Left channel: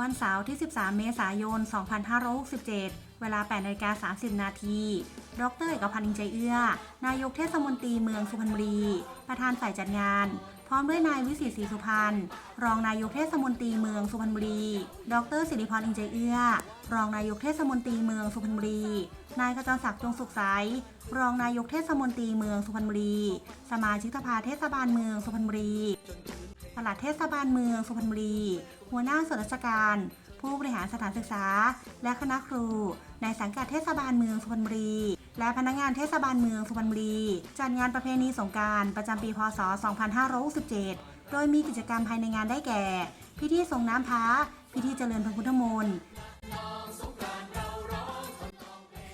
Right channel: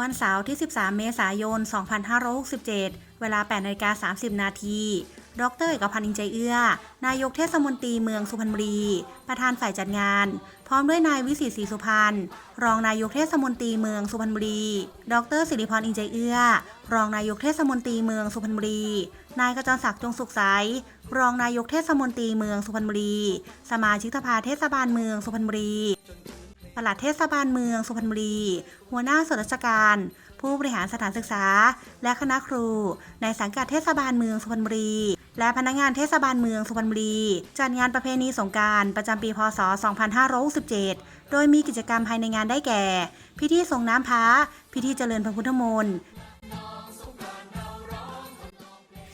วันเสาร์ที่ 13 เมษายน 2567 เวลา8นาฬิกา30 นาที ดรเอกพันธ์อินใจเอื้อ นายกเทศมนตรีเมืองสุพรรณบุรี ประธานฝ่ายจัดงาน พร้อมด้วยนายวิสิตศรีสุพรรณ รองนายกเทศมนตรีเมืองสุพรรณบุรี ดรสิริพรอินใจเอื้อ รองนายกเทศมนตรีเมืองสุพรรณบุรี นายกระจรศักดิ์จงสุขใส รองนายกเทศมนตรีเมืองสุพรรณบุรี สมาชิกสภาเทศบาลเมืองสุพรรณบุรี ปลัดเทศบาลเมืองสุพรรณบุรี หัวหน้าส่วนราชการ ผู้บริหารสถานศึกษา และคณะครู ในสังกัดเทศบาลเมืองสุพรรณบุรี และพนักงานเทศบาลเมืองสุพรรณบุรี จัดงานประเพณีสงการประจำปี พศ 2567 โดยมีกิจกรรมภายในงานได้แก่ พิธีส่งน้ำพระ พิธีเจริญพระพุทธมนต์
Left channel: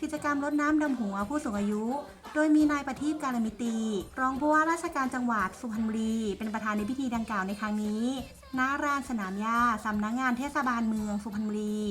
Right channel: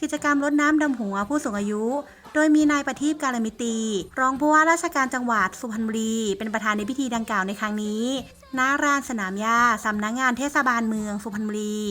กิจกรรมรดน้ำดำหัวผู้สูงอายุ โดยมีนายประทีปการมิตรีรองผู้ว่าราชการจังหวัดสุพรรณบุรี เป็นประธานในพิธีดังกล่าวในครั้งนี้ณลานสนามหญ้าสำนักงานเทศบาลเมืองสุพรรณบุรี